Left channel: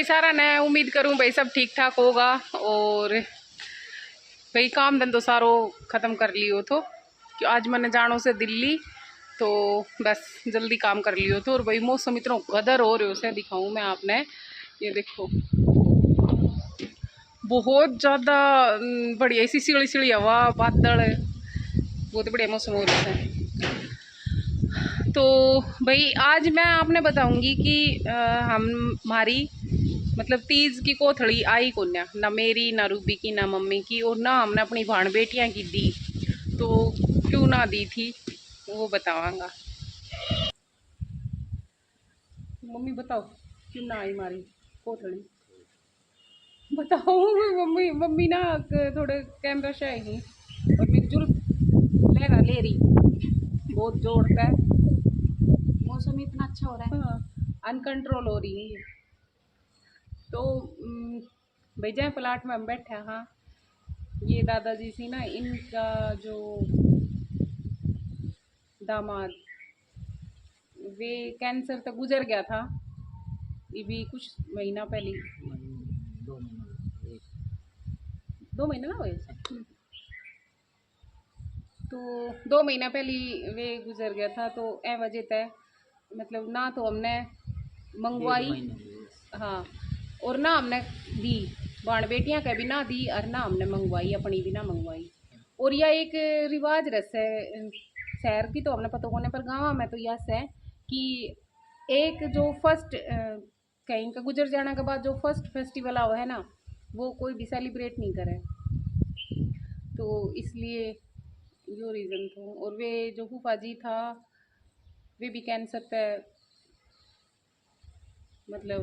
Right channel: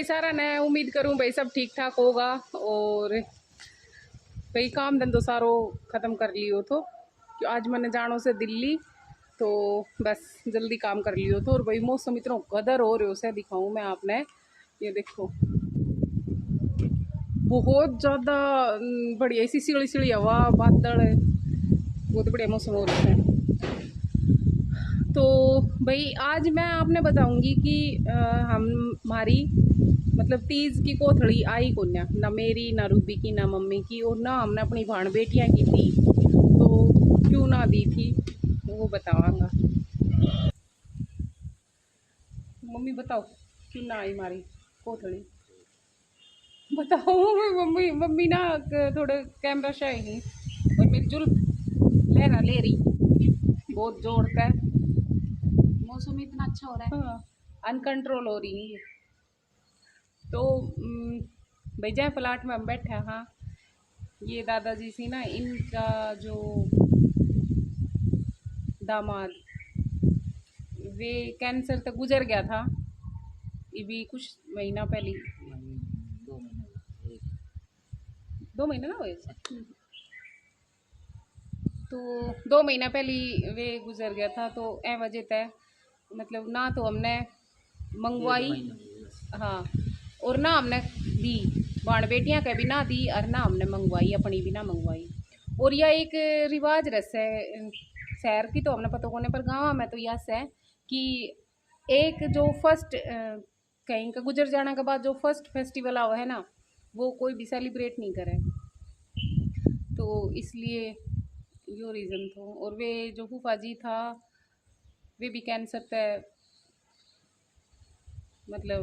भाई सारा मैं उम्मीद करूँ भाई सब ठीक ठाक होगा। और भाई काम धंधो सारो ख़त्म कर लियो तो कि आज मैंने जानो से दिल्ली, तो बस जल्दी काम कर लियो तो। और भाई मौसम इतना गदर हो रहे से दिखाऊँ मैं आपने, ये देखो बहुत ज़्यादा बढ़िया ऐसी सीढ़ी सीढ़ी हवा, बादल, बहुत बढ़िया मौसम हो रहा है। तो भाई आज मैं आपने बताऊंगी कि हमारी मतलब तीज की कोथड़ी आई को ना मेरी, ना रूबी की, ना मम्मी की, और ना हमने अपनी भाण बेटियां की थी, तो क्यों ना दी थी वो बतावांगा। मम्मी बताओ क्यों ना आई हमारी कोथड़ी, बताओ। मम्मी मम्मी ना थोड़े कैमरा शाय है और मेरी जुल्फ लेना ले रही बहुत जोर का। मौसम इतना अच्छा हो रहा है। हाँ, अनकंट्रोल हो रही है। तो भाई जहाँ प्लाट में हम बैठे हैं, हाँ ये दादाजी सी ना, इनका जो दामाद वे कैंसर तक गुजर गया था, ये भी कुछ महीना पहले, 2 महीने 2 महीने ना हुए। तो 2 महीना पहले वे गुजर गया था, तो ए वजह तय मतलब ना तो हमने मंगवाई, हाँ, और ना हमने दी बाण बेटियां के भी ना दी, और ना हमने मंगवाई अपनी भी ना मंगवाई। और यह एक रिवाज रस है शहर की, तो हमने पता कोने पर गाँव में तो यस है कि एक जो फर्स्ट कहीं का गुजर जाने के बाद जो फर्स्ट फेस्टिवल आओ है ना, वो कोई भी सेलिब्रेट नहीं करे। तो इसलिए यो रीज़न था। और वे जो फूफा जी था वे भी कैंसर पे मतलब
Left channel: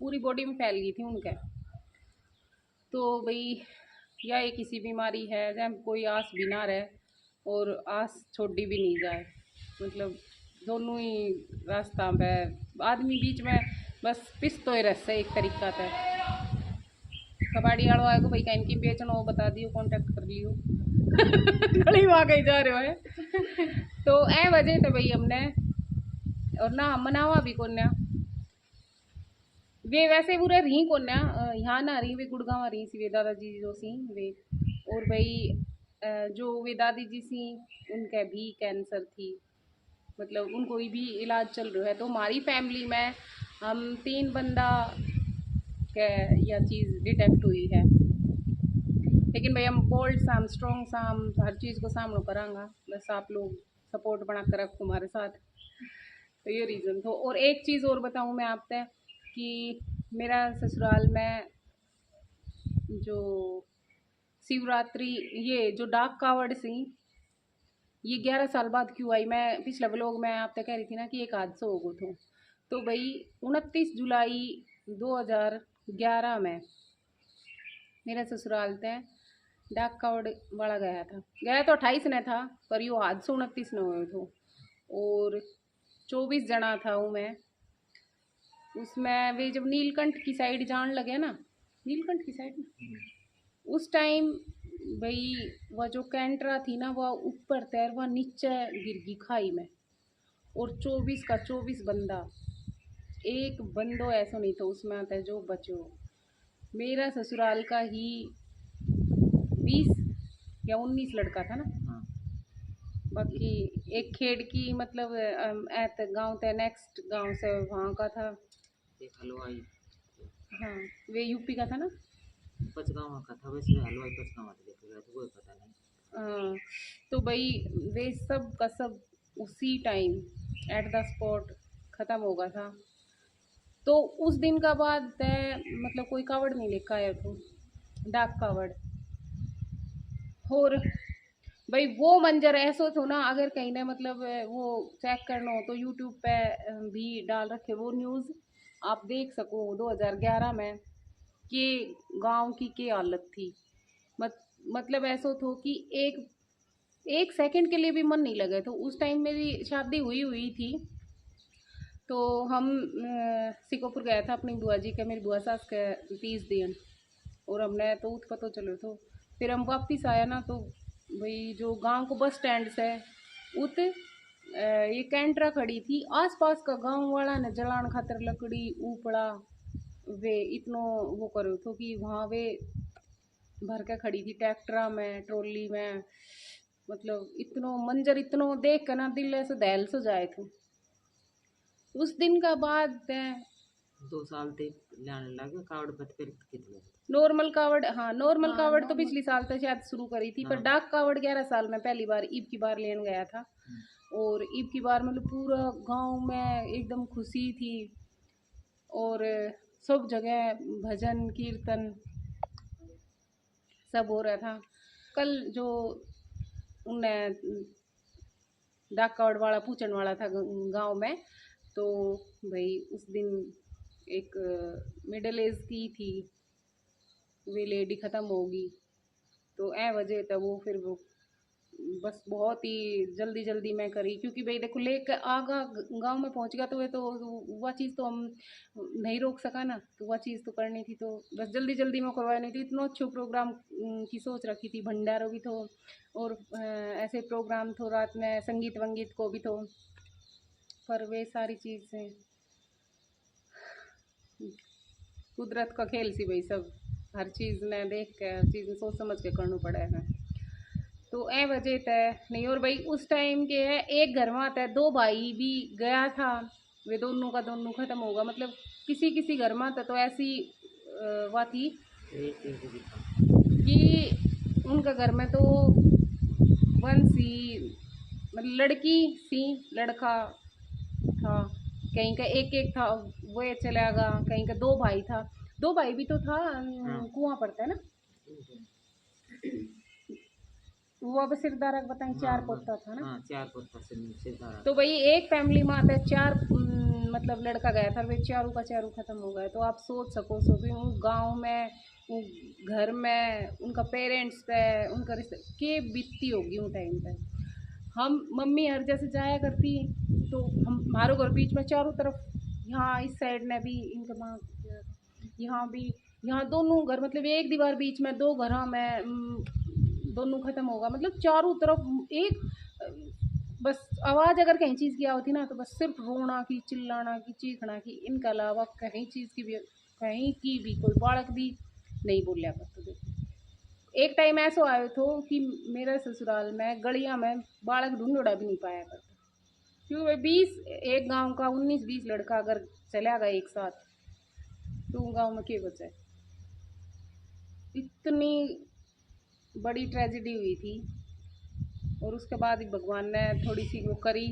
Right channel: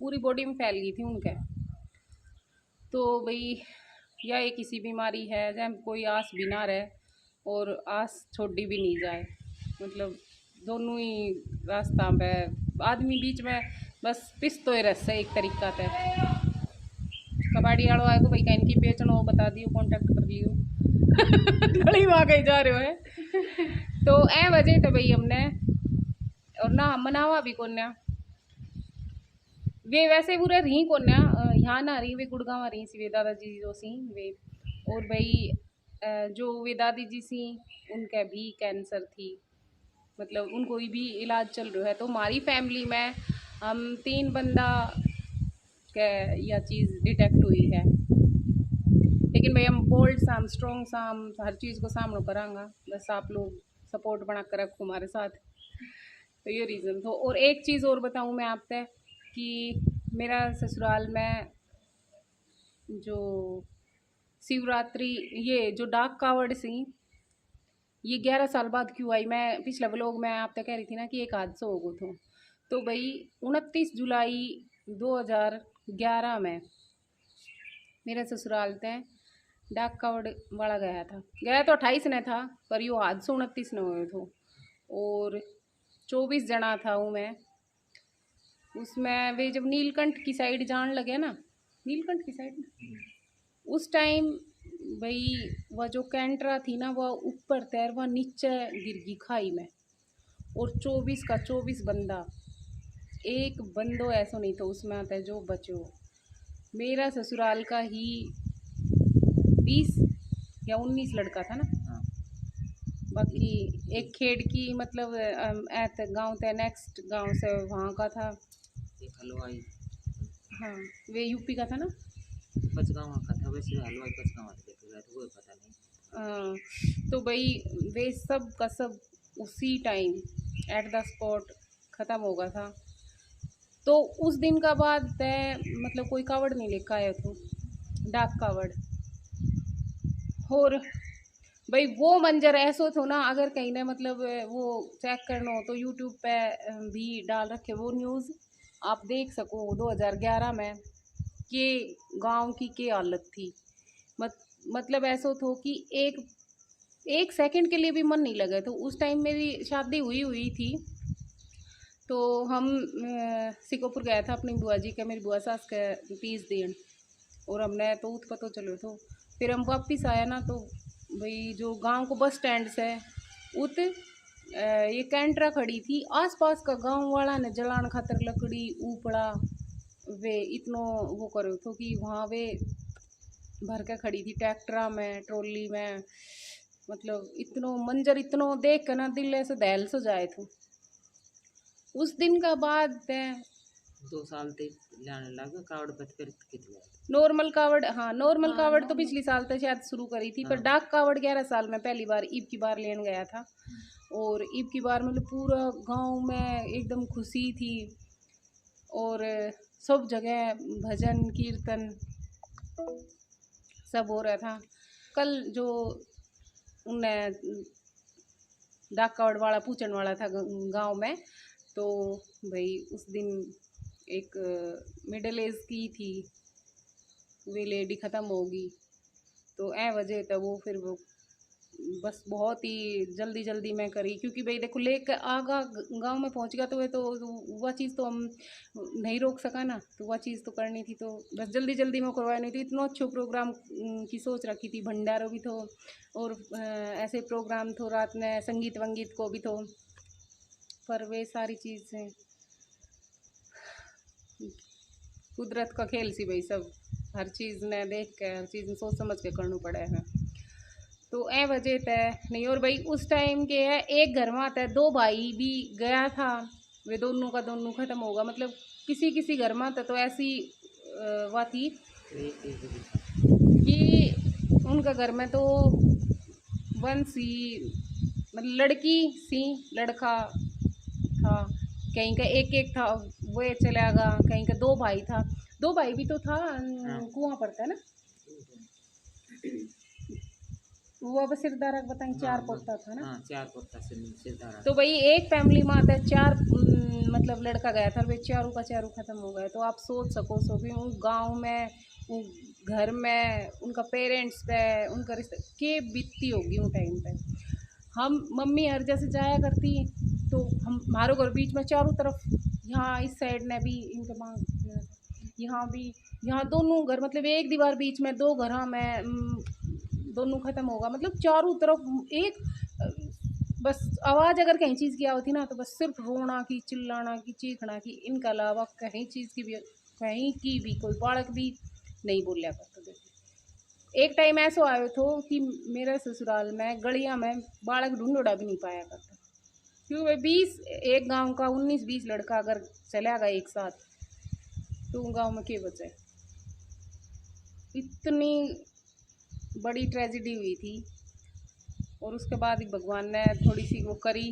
पूरी बॉडी में फैल गई थी उनके। तो भाई या ये किसी बीमारी है जहाँ कोई आस भी ना रहे और आस छोड़ी भी नहीं जाए, मतलब दोनों ही रास्ता पे आदमी बीच में बस पिसतो ही रह एक तरीका पे। कबाड़ी वालों आए को भाई कहीं की बेचना हो बता दियो, कांटेक्ट कर लियो। गली वहाँ कहीं जा रहे हो है। तो ए वजह तो भाई हमने और ना हम मनावा भी कोन्या वे वैसे पूरा रही कोन्या यहाँ ना रही, वे गुड़गांव रही सी वे दादाजी जो सी वे। और भाई जो वे दादी जी सी उनका भी कैंसर थी, मतलब उनको भी इलाज चल रहा है। तो हमारी फैमिली में हम 3 बंदा के यह चीज़ डिटेक्ट हुई है, लेकिन भाई हम बोल्ड सा, हम स्ट्रॉन्ग सा, हम हर चीज़ को सामना करांगा, बस आप लोग सपोर्ट बना कर रखो हमारे साथ। तो ये रीज़न था। और एक चीज़ और बताऊँ मैं आपसे कि मेरा ससुराल में जो शिवरात्रि ये जो डाक कावड़ सी ये 11 साल बाद क्यों आई, मैं पिछले व्लॉग में आप तक कह रही थी ना कि एक हादसा हो गया था। तो भाई 29 जुलाई 2011 में मेरे ससुराल तय डाक कावड़ वाला गया तो 28 ने था, पर यो हादसा 29 ने हुए थे। और 24 जना था हूँ मैं उसमें। वे जब नीलकंठ की साइड जान लगे ना, नीलकंठ की साइड ना, उस टाइम भाई वह जो कैंटरा थी ना वह ऊपर तैर वह नीचे गिर गई खाई में। और 24 का 24 बंदा, एक बंदो ऐसा नहीं था उसमें आता है जो बचो। मेरा ससुराल का ही 20 या 19 लड़का था ना। हाँ। बाकी एक खेड़ की मतलब ऐत गांव थे, नेक्स्ट गांव से वहाँ का था एक हलवाई, हाँ वे यूपी का था ना, पचगाँव का था। वैसे हलवाई पचगाँव से लेके गया था, वो पता नहीं। तो भाई वे सब का सब उसी टाइम एट द स्पॉट ख़त्म हो गया था। तो उस दिन का बाद मतलब कोई कावड़ नहीं लेकर आया था, डाक कावड़। और भाई वो मंजर ऐसा था ना, अगर कहीं ने मतलब वो चेक करना हो तो यूट्यूब पे भी डाल रखे वो न्यूज़, आप देख सको 2011 में कि गांव की क्या हालत थी। मतलब ऐसा था कि एक सेकंड के लिए भी मन नहीं लगा। तो उस टाइम मेरी शादी हुई थी, तो हम सिकोपुर गया था अपनी बुआ जी का, मेरी बुआ सास का तीज दिन, और हमने तो उत पता चलो तो फिर हम वापिस आया ना, तो भाई जो गांव को बस स्टैंड से उत ये कैंट्रा खड़ी थी, आसपास का गांव वाला ने जलान खातर लकड़ी ऊपड़ा वे इतनो वो करो तो कि वहाँ वे भर के खड़ी थी ट्रैक्टरा में ट्रॉली में। मतलब इतनो मंजर इतनो देख कर ना दिल ऐसे दहल सो जाए थे। उस दिन का बाद मैं 2 साल तक लाने लगे कावड़ पत फिर कितने नॉर्मल कावड़, हाँ नॉर्मल हाँ, कावड़ तो नॉर्मल। पिछली साल तक शायद शुरू करी थी, पर हाँ। डाक कावड़ 11 साल में पहली बार ईब की बार लेने गया था। और ईब की बार मतलब पूरा गांव में एकदम खुशी थी और सब जगह भजन कीर्तन सब हो रहा था। कल जो उन्हें डाक कावड़ वाला पूछने वाला था गांव में, तो भाई उस दिन एक मिडिल एज की थी वे लेडी ख़त्म होगी, तो ए वजह था वो फिर वो बस बहुत ही जल्दी जल्दी में करी, क्योंकि भाई देखो लेकर आगा गांव में पहुंच गया तो वे तो वह चीज़ तो हम नहीं रोक सका ना, तो वह चीज़ तो करनी थी, तो बस जल्दी जल्दी में करवानी थी। इतना अच्छा प्रोग्राम की सोच रखी थी, भंडारा भी तो और ऐसे प्रोग्राम तो रात में संगीत वंगीत को भी तो, पर वे सारी चीज़ें कुदरत का खेल सी भाई, सब हर चीज़ ने देख के हर चीज़ सोच समझ के करना पड़ा है। तो ए वजह तय नहीं। और भाई उस टाइम के है एक घर में तय 2 भाई भी गया था, वे दोनों का दोनों ख़त्म होगा। मतलब किसी किसी घर में तो ऐसी वह थी कि उनका घर में तो वंशी मतलब लड़की सी लड़का था, कहीं का एक था वो चला गया, कहीं का 2 भाई था, 2 भाई भी तो था। कुआं पड़ता है ना वो, अब सिरदारा बताएं 4 पोता था ना। 4 पोता सिरदारा। तो भाई एक फैमिली में आता है 4 मतलब लड़का गया था, वे चारों का चारों खत्म हो गए। तो आप सोच सको सो भी उन गाँव में घर में उनका पेरेंट्स पे उनका रिश्ता के बीतती होगी उन टाइम पे। हम मम्मी हर जैसे जाया करती तो हम हमारे घर बीच में चारों तरफ, यहाँ इस साइड ने भी इनके माँ यहाँ भी, यहाँ दोनों घर मतलब एक दीवार बीच में 2 घर में दोनों ख़त्म होगा। मतलब चारों तरफ एक बस आवाज़ अगर कहीं चीज़ की होती ना तो बस सिर्फ रोना की चिल्लाना की चीखना की, इनके अलावा कहीं चीज़ की भी कहीं की भी कोई बालक भी नहीं बोलिया करता। एक टाइम ऐसा आया तो कि मेरे ससुराल में गलिया में बालक ढूंढोड़ा भी नहीं पाया करता, क्योंकि 20 एक गांव का 19-20 लड़का अगर चला गया एक साथ तो गांव में क्या बचा है। इतनी बड़ी ट्रेजिडी हुई थी। और उसके बाद ही भगवान ने थोड़ी सी वो करी,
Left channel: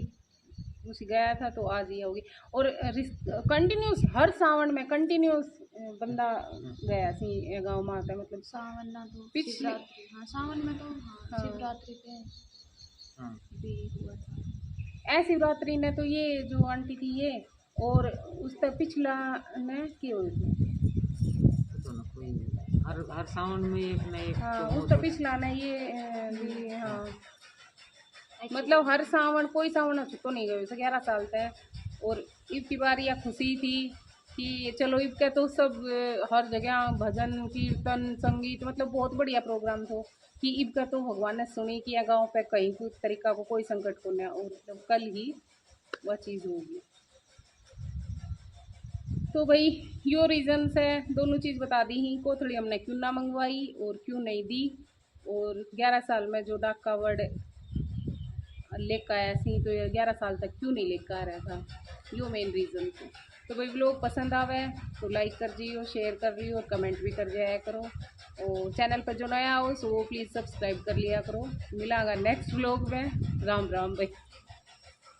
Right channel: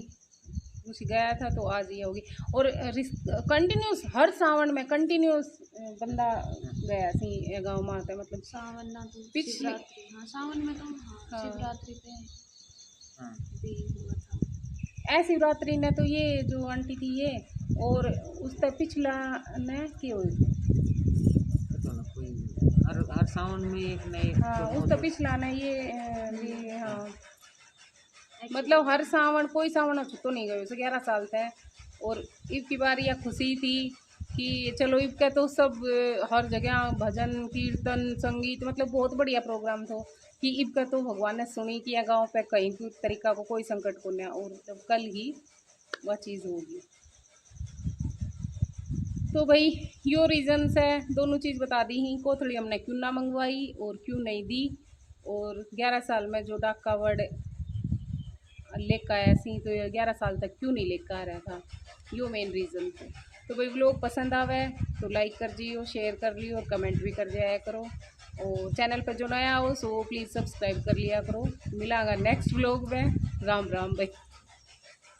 कुछ गया था तो आज ये होगी। और कंटिन्यूस हर सावन में कंटिन्यूस बंदा गया थी गाँव में आता, मतलब सावन ना तो पिछले हाँ सावन में तो हाँ शिवरात्रि पे भी हुआ था। शिवरात्रि ने तो ये जो आंटी थी ये, और उस तक पिछला ने की हुई तो ना कोई हर सावन में एक न एक हाँ उस तक पिछला ने ये हाँ मतलब हर सावन कोई सावन तो नहीं गए वैसे 11 साल तक। और ईब की बार यह खुशी थी कि चलो ईब का तो सब हर जगह भजन कीर्तन संगीत मतलब बहुत बढ़िया प्रोग्राम था कि ईब का तो भगवान ने सुनी कि गाँव पे कहीं कोई तरीका को कोई संकट को नहीं, और जब कल ही वह चीज़ होगी। तो भाई यो रीज़न्स है, दोनों चीज़ बता दी ही, कोथड़ी हमने क्यों ना मंगवाई और क्यों नहीं दी, और 11 साल में जो डाक कावड़ लेकर आया सी तो 11 साल तक क्यों नहीं लेकर आ रहा था, यो मेन रीज़न था। तो भाई व्लॉग पसंद आवे तो लाइक कर दियो, शेयर कर लियो और कमेंट भी कर दिया करो। और चैनल पर जो नया हो सो प्लीज़ सब्सक्राइब कर लिया करो। मिलांगा नेक्स्ट व्लॉग में। राम राम भाई।